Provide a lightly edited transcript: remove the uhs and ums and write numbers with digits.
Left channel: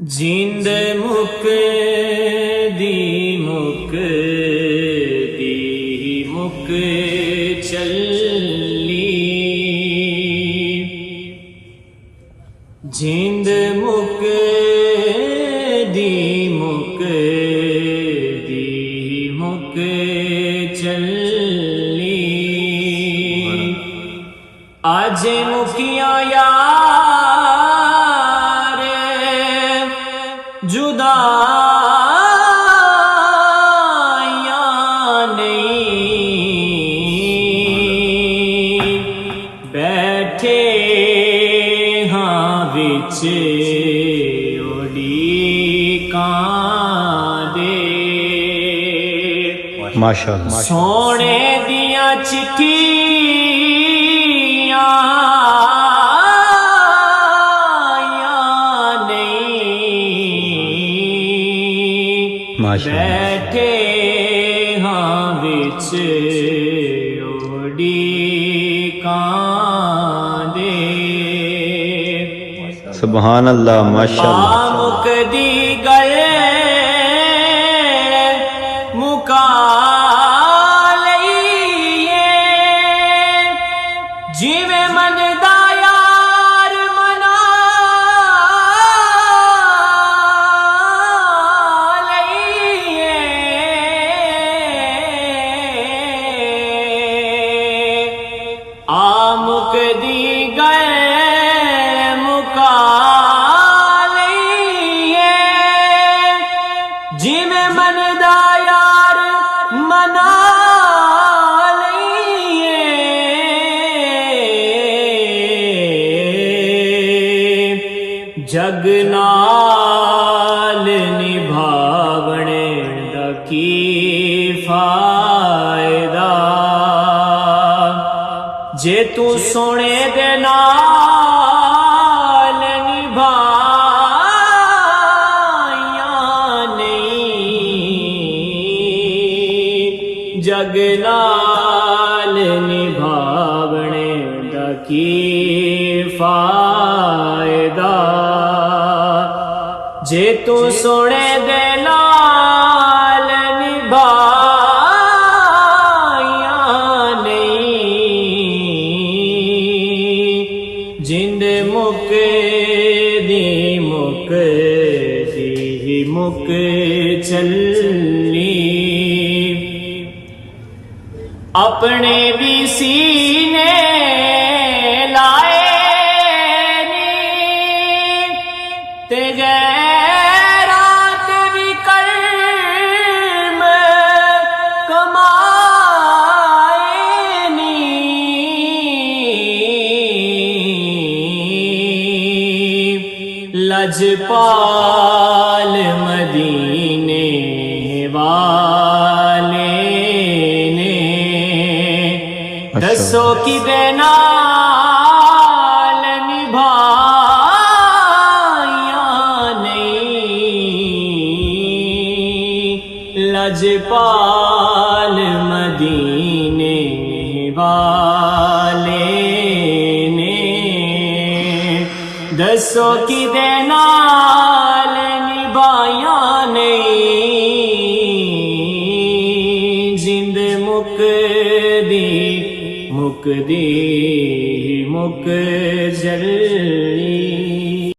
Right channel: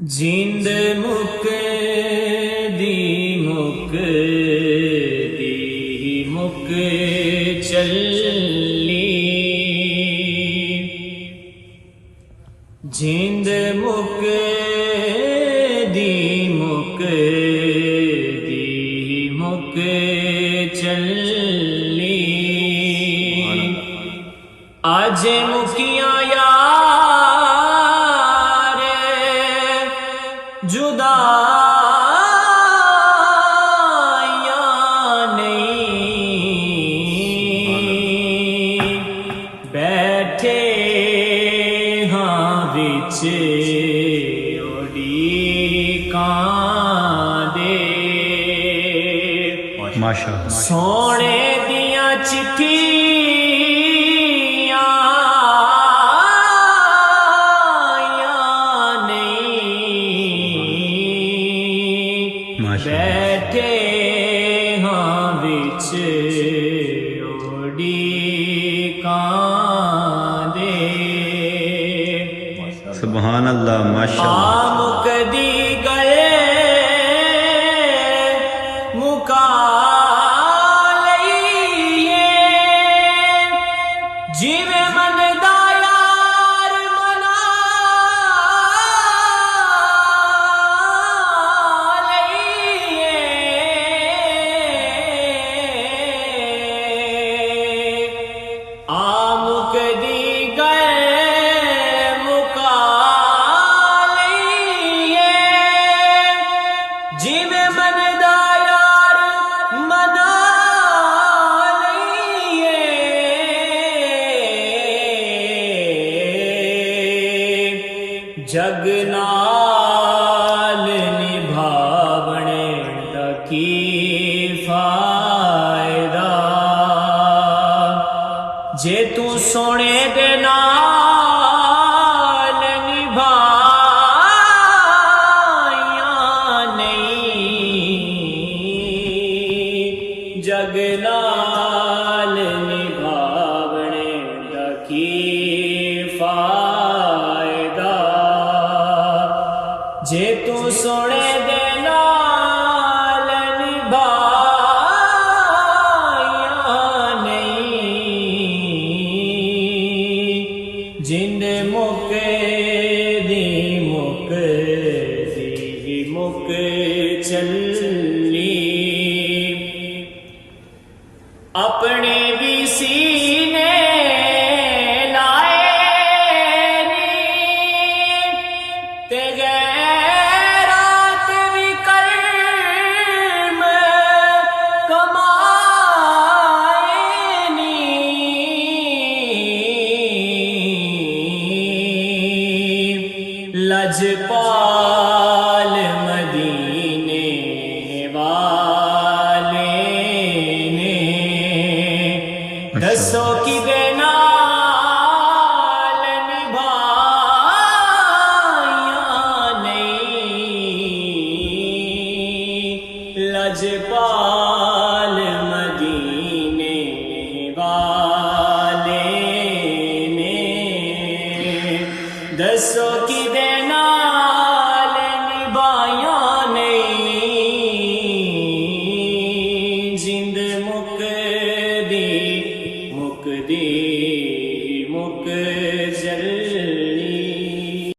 जिंद मुक दी मुक दी मुक चली, जिंद मुक दी मुक दी मुक चली, आज मुकिया यार जुदाइयां नहीं, बैठे हाँ विच उड़ीकां दे, माशाअल्लाह सोने दिया चिट्ठियां बैठे हाँ विच उड़ीकां दे, सुभान अल्लाह माशाअल्लाह। मुक दी गए मुका लईए, जिवें मनदा यार मना मुक दी गए मुका लईए, जिवें मनदा यार मना लईए, जग नाल निभावणे दा की फायदा, जे तू सोने दे नाल निभाइयां नहीं, जग नाल निभावणे दा की फायदा, जे तू सोने दे नाल जिंद मुक दी मुक दी मुक चली, अपने भी सीने लाए नी ते गैरात भी कर्म कमाए नी, लजपाल मदीने वाले ने दसो कि नाल निभाइयां नहीं, लजपाल मदीने वाले ने दसो कि नाल निभाइयां